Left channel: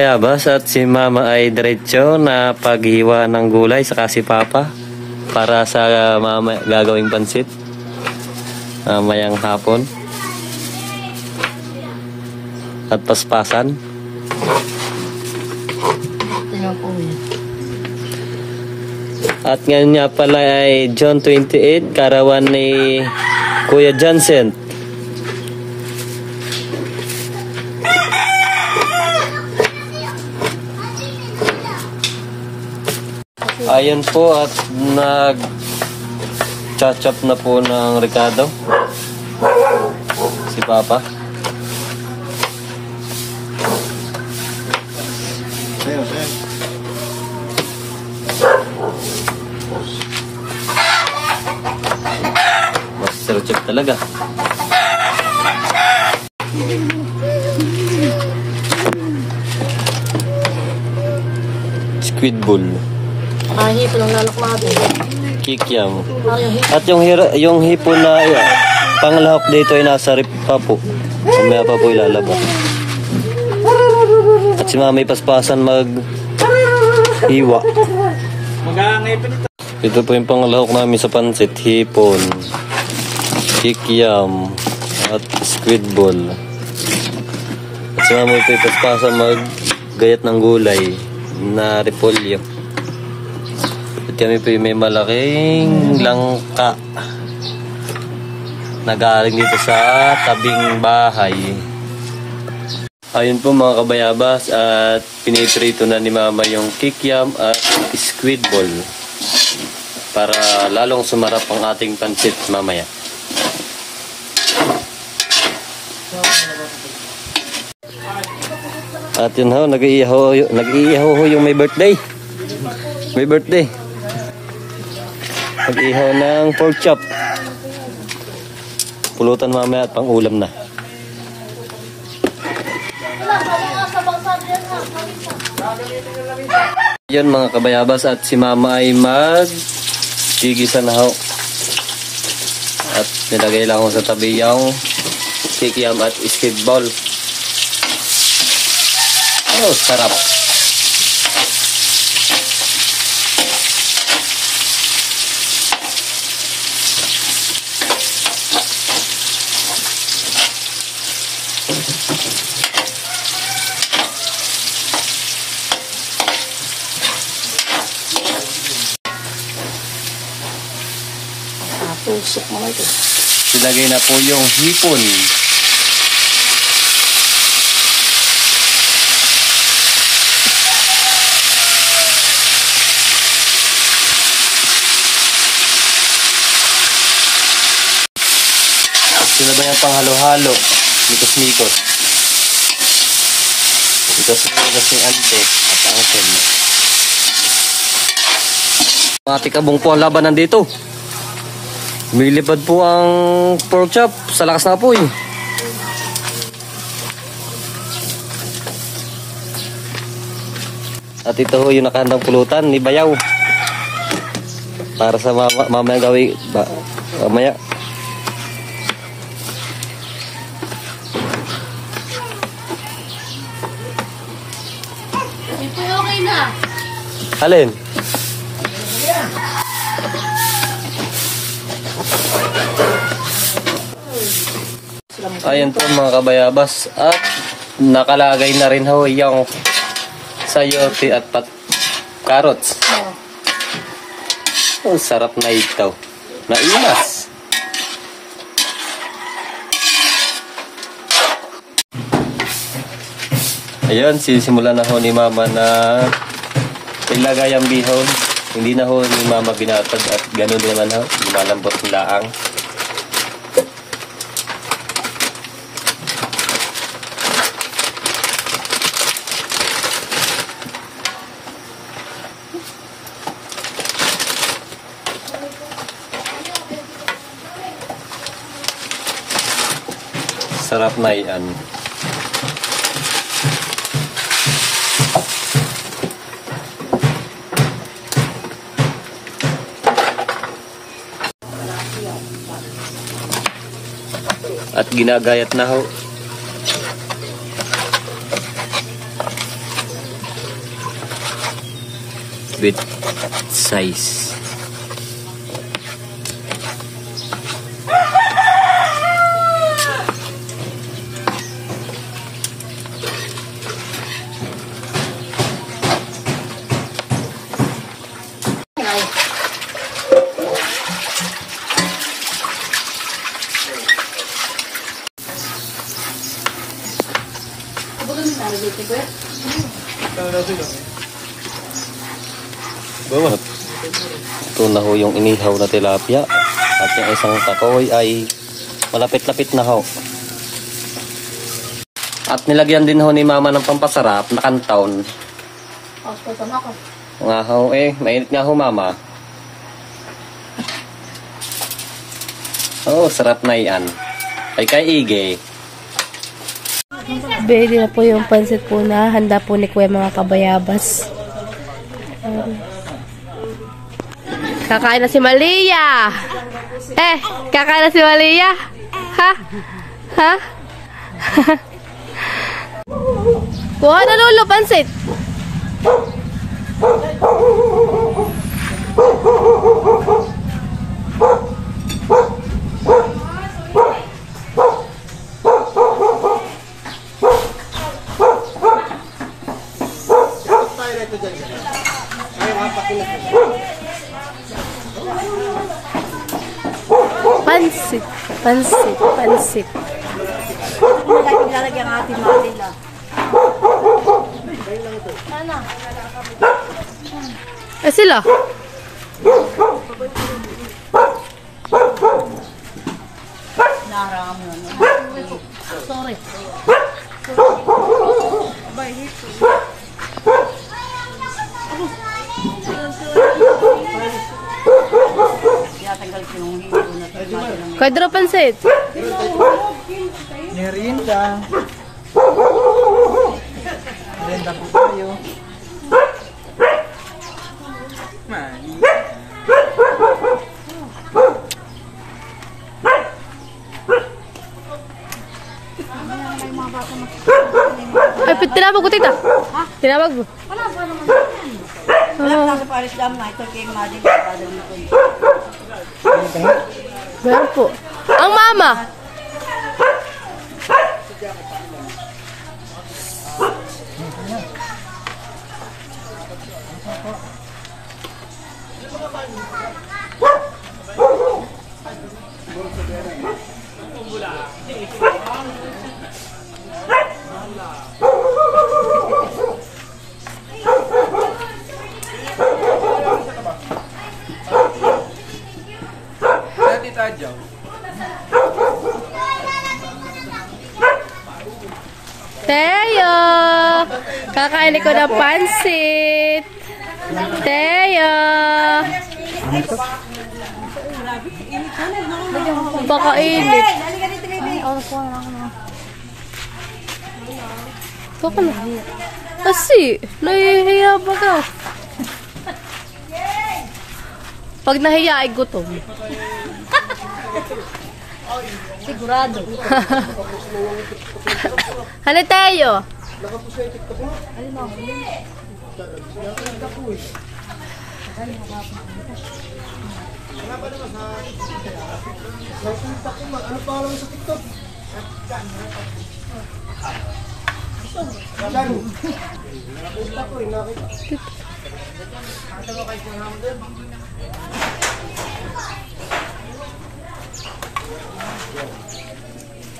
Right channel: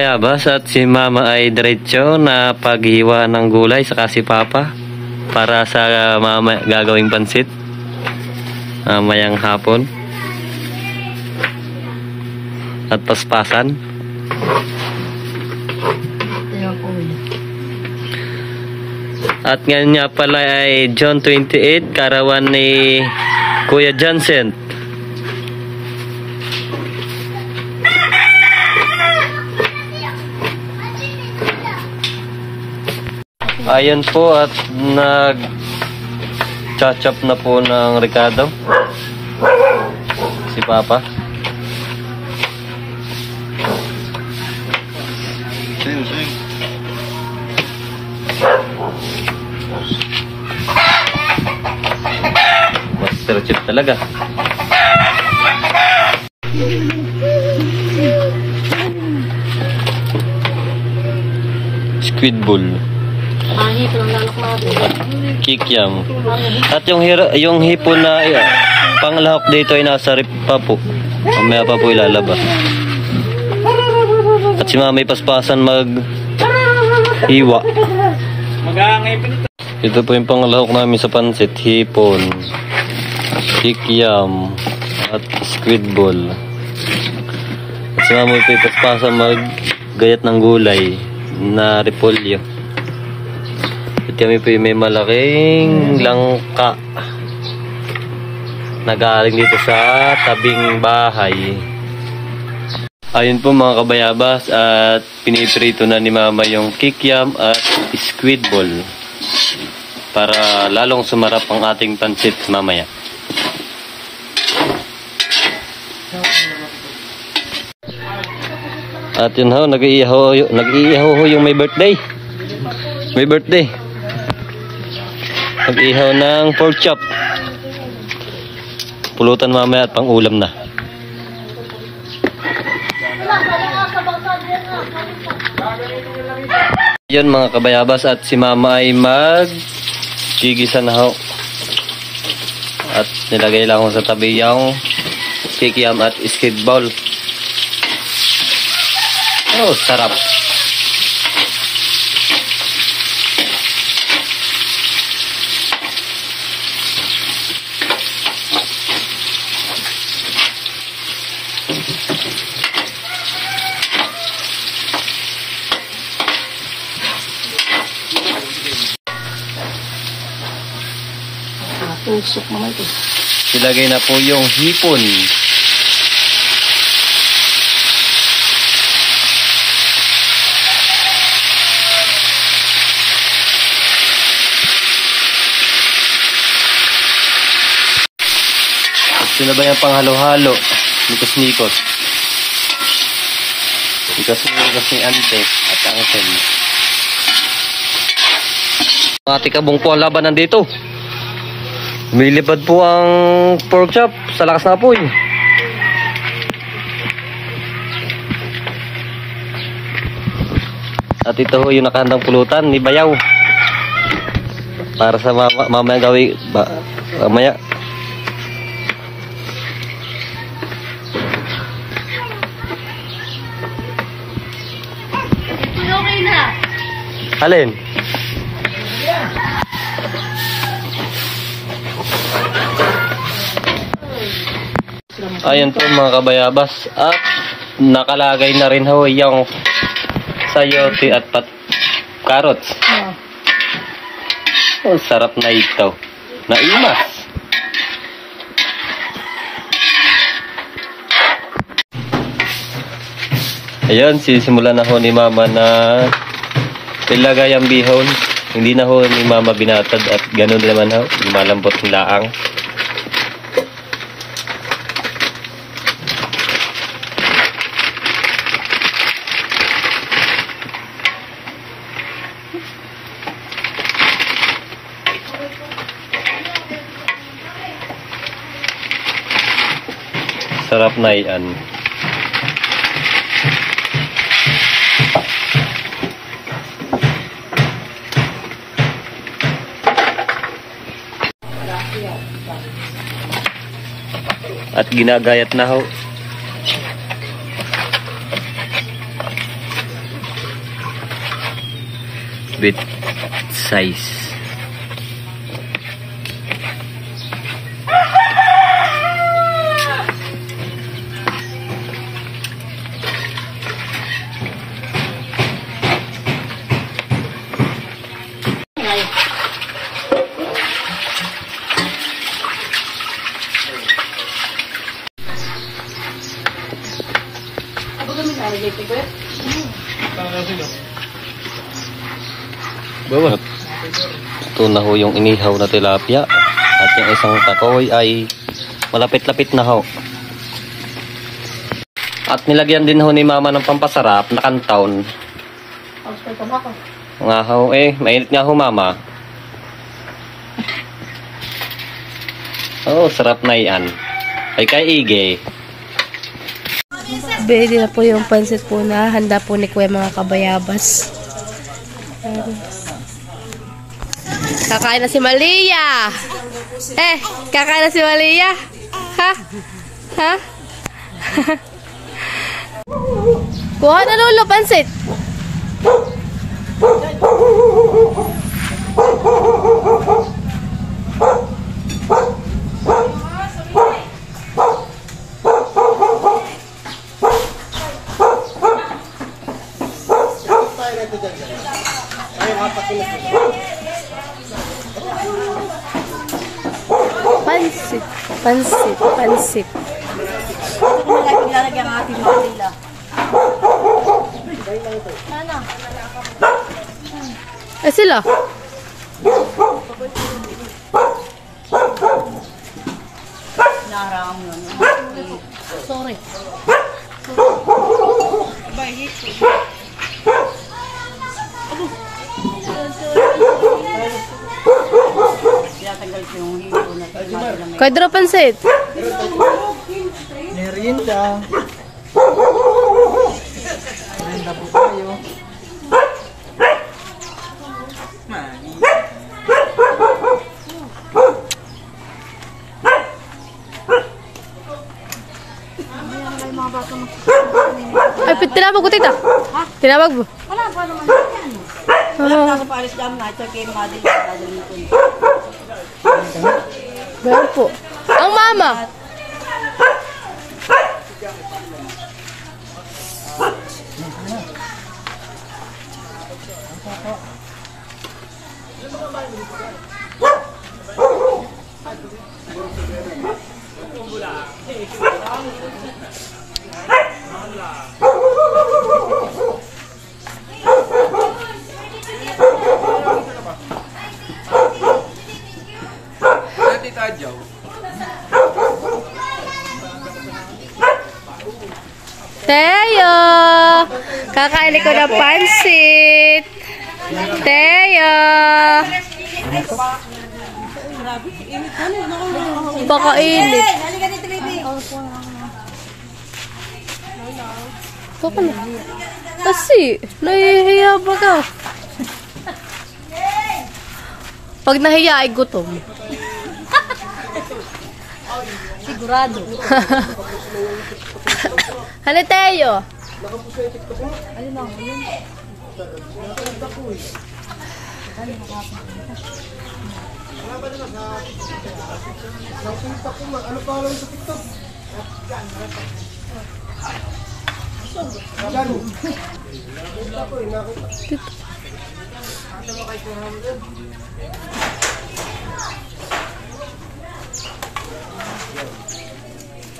Bayabas at si Mama ay diretso na paghiwa ng gulay saka si Papa para sa mama gagawing pansit mamayang hapon at paspasan. At ngayon nga pala ay June 28, karawan ni Kuya Johnson. Ayan po at nag-chop na po ng Ricardo si Papa. Master chef talaga. Squid ball. Hipo ng lalok natin. Kikiam. At yung hipo na panglahok dito ay nasa rip pa po. Mamaya pa po ilalabas. At si Mama paspasan mag-hiwa. Ito po yung panglahok namin sa pansit. Hipon, kikiam, at squid ball. At si Mama paspasan mag-gayat ng gulay na repolyo. Kami po may malaking langka na galing dito sa tabing bahay. Ayun po mga kabayabas at piniprito na ni Mama yung kikiam at squid ball para lalong sumarap ang ating pansit mamaya. At yun ho, nag-iihaw yung may birthday. May birthday. Nag-ihaw ng pork chop. Pulutan mamaya at pang-ulam na. Yun mga kabayabas at si Mama ay mag-chigisa na ho. At nilagay lang ko sa tabi yung kikiam at squid ball. Oh, sarap. Tusok mo ito. Ilagay na po yung hipon. At sinabayan pang halo-halo. Mikos-mikos. Mikos-mikos ni Ante at Angel. Mga tikabong po ang labanan dito. Milipad po ang pork chop sa lakas ng apoy. At ito ho yung nakahandang pulutan ni Bayaw. Para sa mamaya gawin mamaya. Alin? Ayan po mga kabayabas at nakalagay na rin ho yung sayote at carrots. Oh, sarap na ito. Naimas. Ayan, sisimulan na ho ni Mama na ilagay ang bihon. Hindi na ho ni Mama binatad at ganun naman ho. Lumalambot ng laang. Sarap na yan. At ginagayat na ho. with size. Ito na ho yung inihaw na tilapia. At yung isang takoy ay malapit-lapit na ho. At nilagyan din ho ni mama ng pampasarap na kantaon. Nga ho mainit nga ho mama. Oh, sarap na yan. Ay kay Ige. Ready na po yung pansit po na handa po ni Kuya mga kabayabas. Kakain na si Malia. Kakain na si Malia. Ha? Ha? Kuha na Lolo, pansit. Pansit. Malaki lalagyan ang ating mga nila. Sila? Naharang mo yun. Sorry. Abay, hito. Tiyatanggal ko yung hito na tingnan. Kadro pansit. Merienda. Merienda po tayo. Mali. Tinawag ko tita. Tinawag mo. Wala pa naman. Wala pa sa Paris Dam na. Ito kay Madin. Dadalhin ko yun. Ganyan po. Ang mama. Tadyaw. Teo! Kakain ko ng pansit. Teo! Baka init. Ito ka na. Kasi, nahihiya ba ka? Pag nahiya ay gutom. Sigurado. Ano tayo? Ayun na.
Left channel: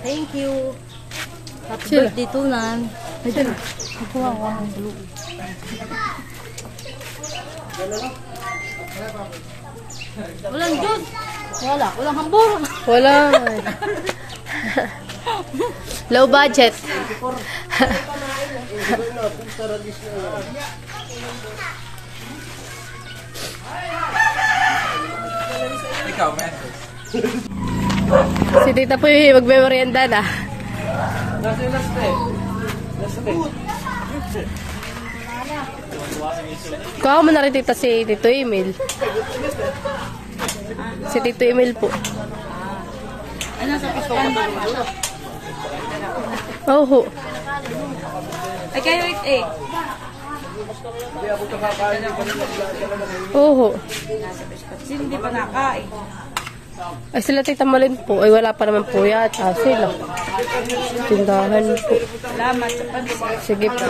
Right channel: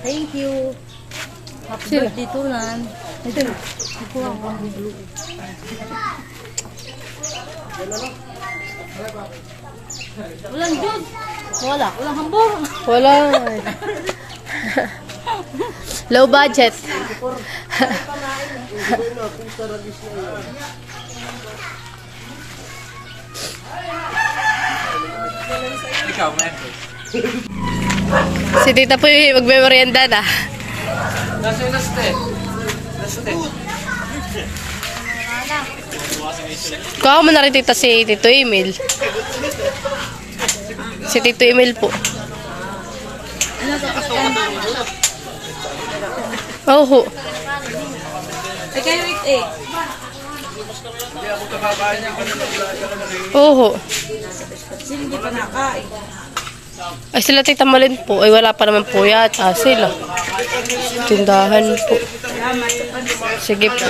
Thank you. Happy birthday to Nan. Walang jud. Walang hambur. Wala. Low budget. Ikaw, man. Si tita po yung magme-merienda na. Laste. Kuha mo na rin tita si Tito Emil. Si Tito Emil po. Ay, kayo Oo. Hindi pa nakain. Ay sila Tita Malin po. Ay wala pa naman po yata sila. Tindahan po. Salamat sa pag- Sige po.